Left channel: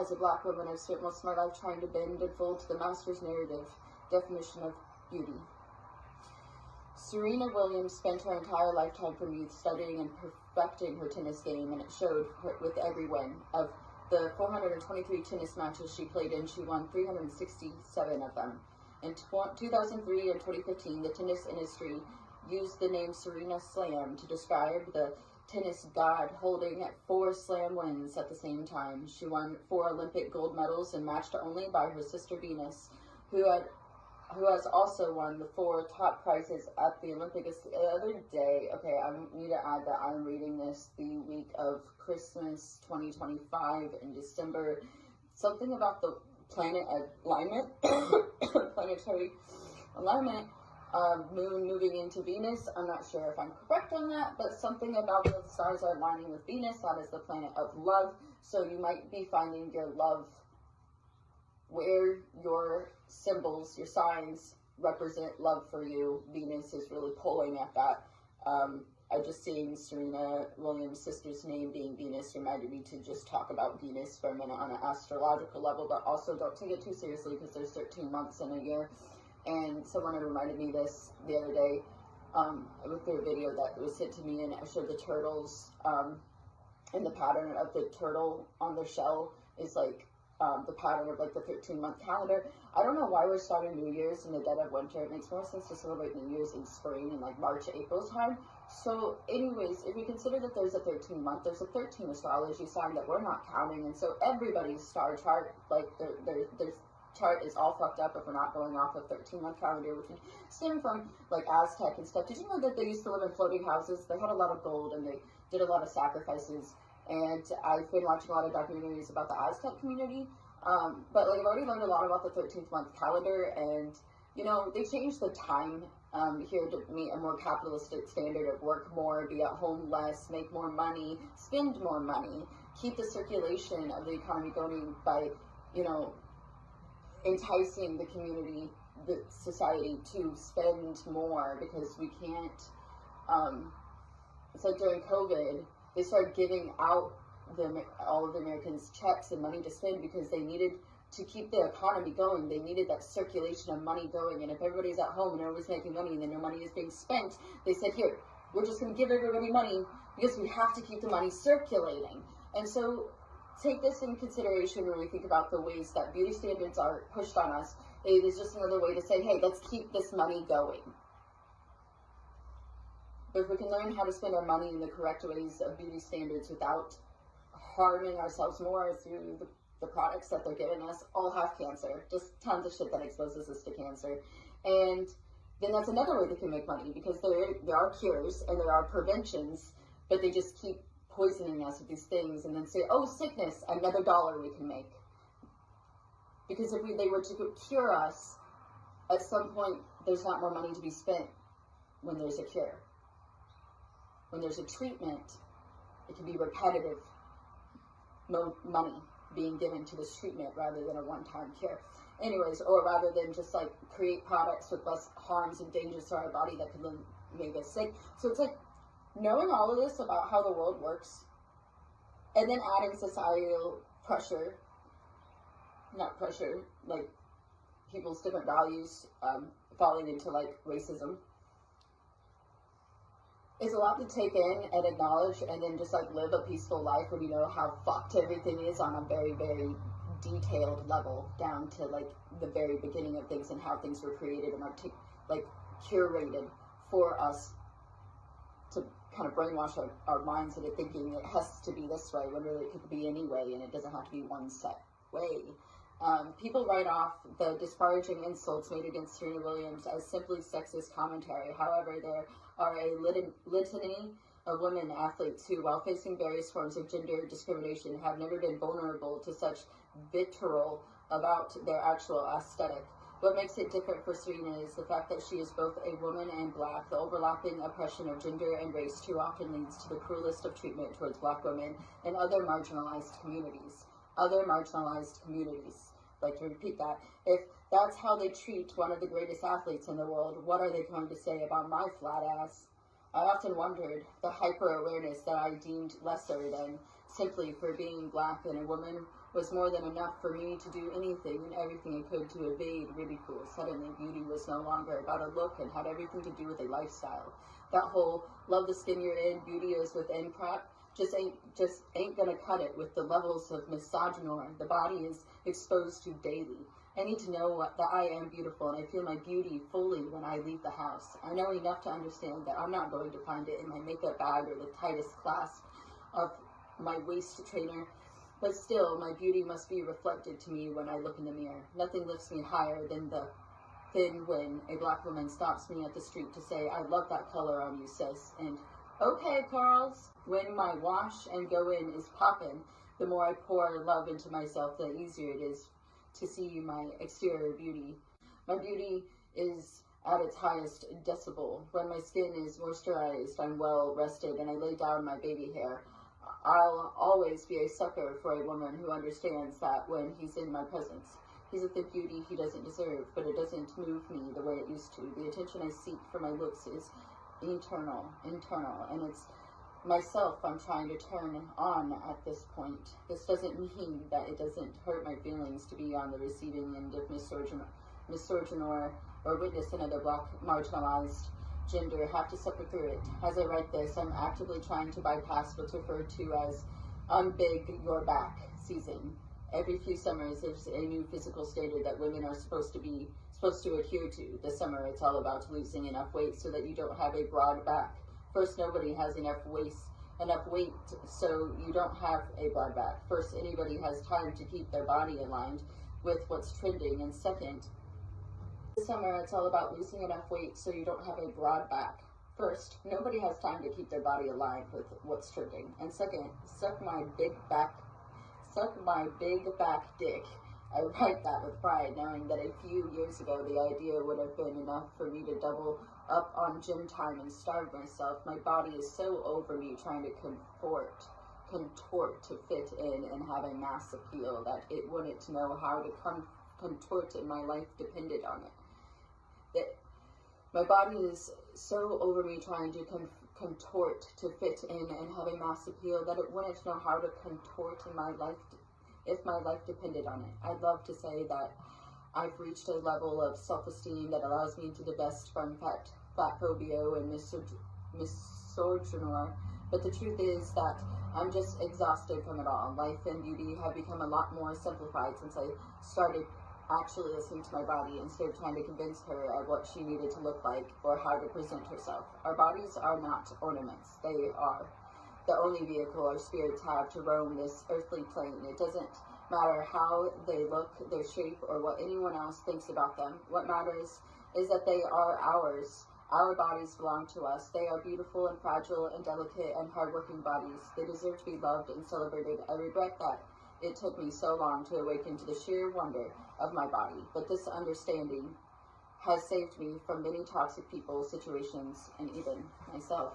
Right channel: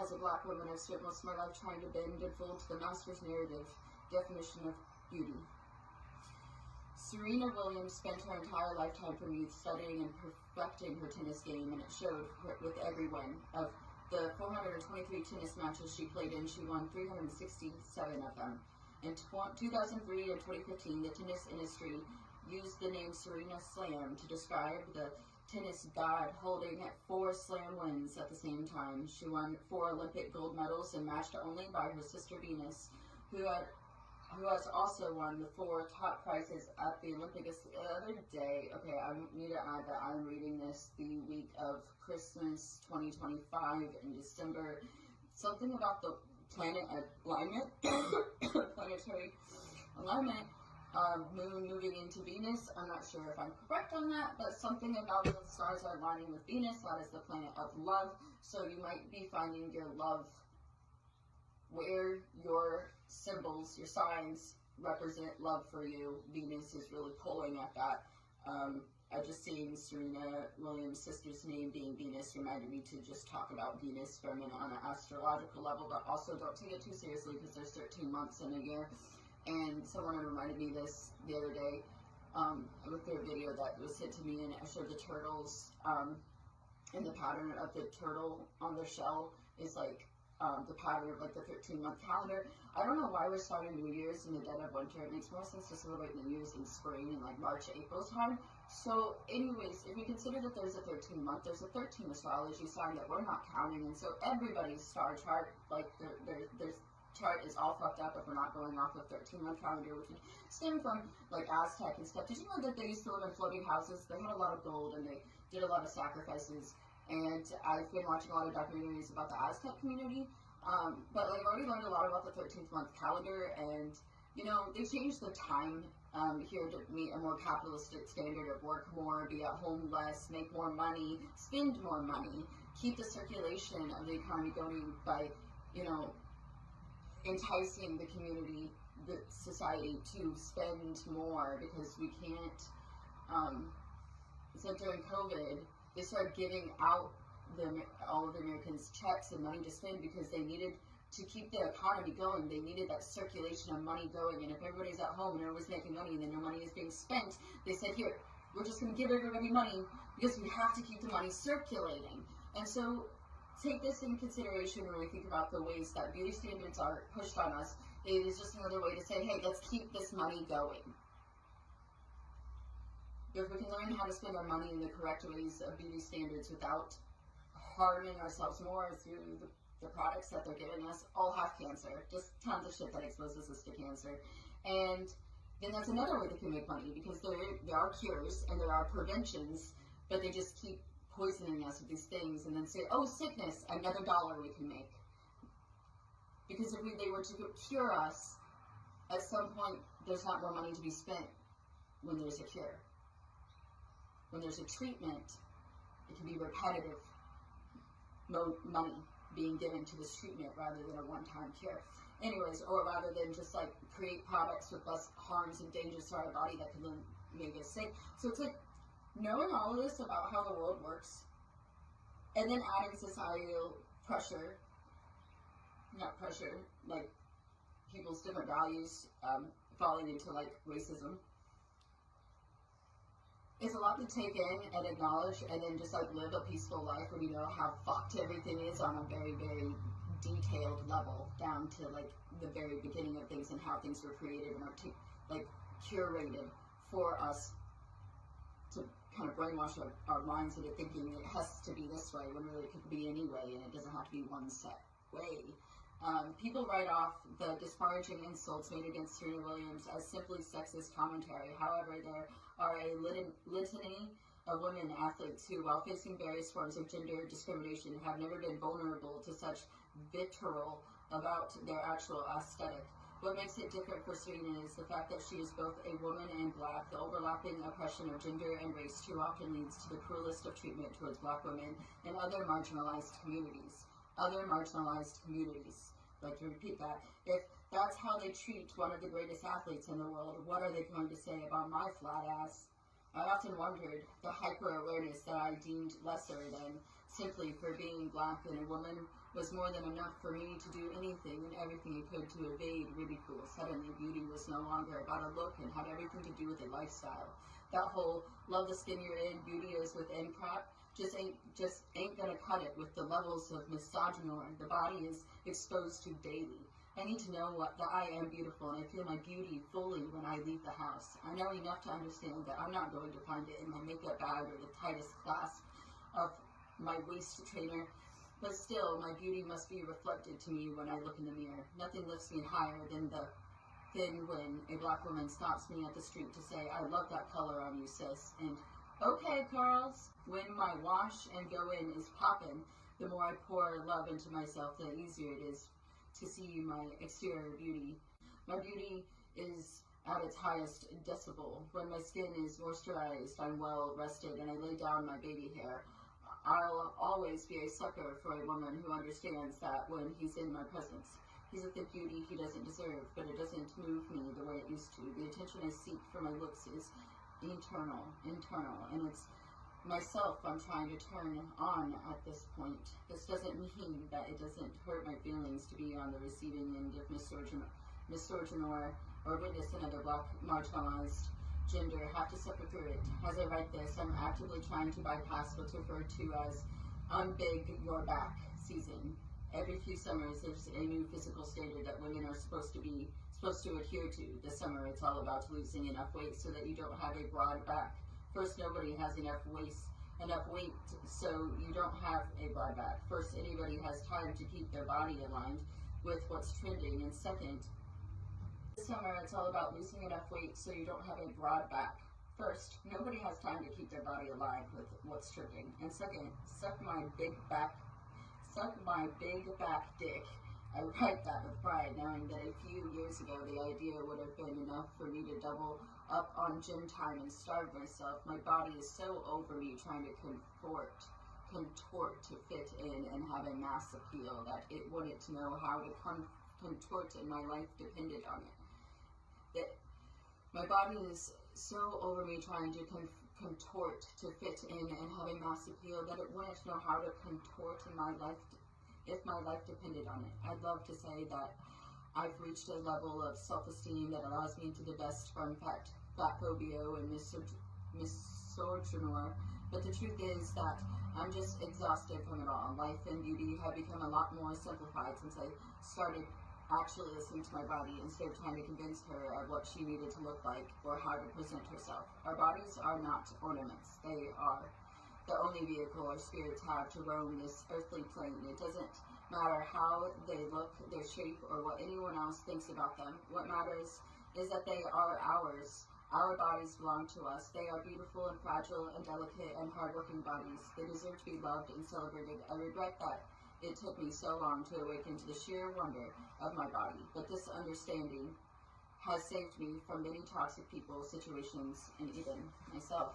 As a black woman, I've spent most of my life trying to bend and fold to the master's narrative definition of beauty. Serena Williams spent her entire lifetime from youth studying and perfecting her tennis game, and it showed with every win. Of the 423 tennis matches she played in, she won 367 of them. In 2003 and 2015, the tennis industry used the name Serena Slam to describe the tennis god, holding 4 slam wins at the same time. She won 4 Olympic gold medals and matched only by her sister Venus, who has also won the 4 top prizes at the Olympics. The other day, okay, I need to add that I'm reading this the week of Christmas 2025 in December. Something about the planet alignment, planetary alignment, moon moving into Venus. I'm not sure if I'm correct on that, but something about the stars are aligning with Venus. That is the planet of love. So you might be finding your love where your symbols, your signs represent love for you. Venus is really pulling at that. I just seeing Serena Williams' sister's name being Venus reminded me to just talk about Venus for a minute on an astrological level, but also don't take it too seriously because there's 13 months in a year. And someone had reminded me this the other day with their video that was sent to me, and I showed the turtles, and the pattern of the turtle on their shell is like the pattern of like the 13-month calendar. I don't know why we're starting New Year's in the dead of winter. It makes more sense to celebrate New Year's in spring in like March, April time. So anyways, if we consider that there's a 13-month, there's a 13 astrology sign that we're not counting, and so everybody's star chart, like their chart is all fucked up if we're not going off a 13-month calendar, which would stem from like Aztec and stuff. Did you know that they used to live in floating houses? They had a lot of gold and they did a lot of sacrifices. And I've been watching a lot of documentaries about the Aztec community. But like I've already learned a lot about the 13th month calendar, and you know, they changed the time here to meet a more capitalistic standard of work more, be at home less, make more money, spend more money, keep the circulation of the economy going by, you know, enticing the community, the society to spend more, because we can't, it's like during COVID, they started giving out all of the Americans checks and money to spend because they needed to keep the economy going. They needed that circulation of money going. And if everybody's at home and everybody's making money and then no money is being spent, they said, here, we're just going to give everybody money because we have to keep the money circulating. And so take this in consideration when we think about the ways that beauty standards are pushed on us. It is just another way to say, hey, let's keep this money going. But if we can learn how to spend our money in the correct ways of beauty standards without harming ourselves more through the products that they're giving us, all have cancer. Just tons of shit that exposes us to cancer. And then that's another way they can make money, because there are cures and there are preventions, but they just keep poisoning us with these things and then say, oh, sickness, another dollar we can make. Because if they were to cure us, at some point there's not more money to be spent when there's a cure. When there's a treatment, it can be repetitive money being given to this treatment rather than a one-time cure. Anyways, or rather than just like create products with less harms and dangers to our body that could then make us sick. So it's like knowing all of this about how the world works, and then adding societal pressure, not pressure, like people's different values falling into like racism. It's a lot to take in and acknowledge, and then just like live a peaceful life when you know how fucked everything is on a very, very detailed level, down to like the very beginning of things and how things were created and like curated for us to kind of brainwash our minds into thinking it has to be this way when really it could be any way, and it doesn't have to be one set way. People write off the disparaging insults made against Serena Williams as simply sexist commentary. However, there are a litany of women athletes who, while facing various forms of gender discrimination, have never been vulnerable to such vitriol about their actual aesthetic. What makes it different for Serena is the fact that she is both a woman and black. The overlapping oppression of gender and race too often leads to the cruelest of treatment towards black women and other marginalized communities. Like to repeat that. If that's how they treat one of the greatest athletes in the world, what are they going to say about my flat ass? I often wondered the hyper-awareness that I deemed lesser than Simply for being black and a woman was more than enough for me to do anything and everything I could to evade ridicule. Suddenly, beauty was no longer about a look and had everything to do with a lifestyle. That whole love the skin you're in, beauty is within crap just ain't gonna cut it with the levels of misogynoir the body is exposed to daily. I need to know that I am beautiful, and I feel my beauty fully when I leave the house. I know enough to understand that I'm not going to find it in my makeup bag or the tightest clasp of my waist trainer, but still, my beauty must be reflected to me when I look in the mirror. Nothing lifts me higher than when a black woman stops me at the street to say, "I love that color on you, sis," and "Okay, Carls." When my wash and go in is poppin', the more I pour love into myself, the easier it is to see my exterior beauty. My beauty is at its highest decibel. When my skin is moisturized, I'm well rested, and I lay down my baby hair. I'll always be a sucker for a woman who understands that when he's in my presence, he's at the beauty he doesn't deserve, but it doesn't move me the way it used to. The attention I seek for my looks is internal, and it's myself I'm trying to turn on at this point. This doesn't mean that it doesn't hurt my feelings to be on the receiving end of misogynoir or witness another black marginalized gender have to suffer through it. As I write this, I'm actively trying to bypass what's referred to as unbig your back season. Every few summers, there's a new physical standard that women are supposed to adhere to. This summer, it's all about losing enough weight so that you don't have a broad back. First, nobody has enough weight, so you don't have a broad back. First, anybody has time to keep their body aligned with what's trending. And second, this summer, it's all about losing enough weight so you don't have a broad back. First, nobody has time to keep their body aligned with what's trending. And second, suck my big back dick. I write that with pride, knowing that a few years ago the idea would have been enough for me to double up on gym time and starve myself. My body is so over me trying to contort to fit in and have a mass appeal that it wouldn't know how to contort, and my life depended on it. My body is so over me trying to contort to fit in and have a mass appeal that it wouldn't know how to contort in my life if my life depended on it. I'd love to say that I've reached a level of self-esteem that allows me to divest from fat phobia and misogynoir, but the truth is that I'm just exhausted from it all. Life and beauty have become a lot more simplified since I started actually listening to my body instead of trying to convince her of what she needed to look like or how to present herself. Our bodies are not ornaments. They are the only vehicle our spirits have to roam this earthly plane. It doesn't matter how they look, their shape, or what anyone else thinks about them. What matters is that they are ours. Our bodies belong to us. They are beautiful and fragile and delicate and hardworking bodies. They deserve to be loved and celebrated. I regret that it took me so long to awaken to the sheer wonder of my body, but this understanding has saved me from many toxic people, situations, and even myself.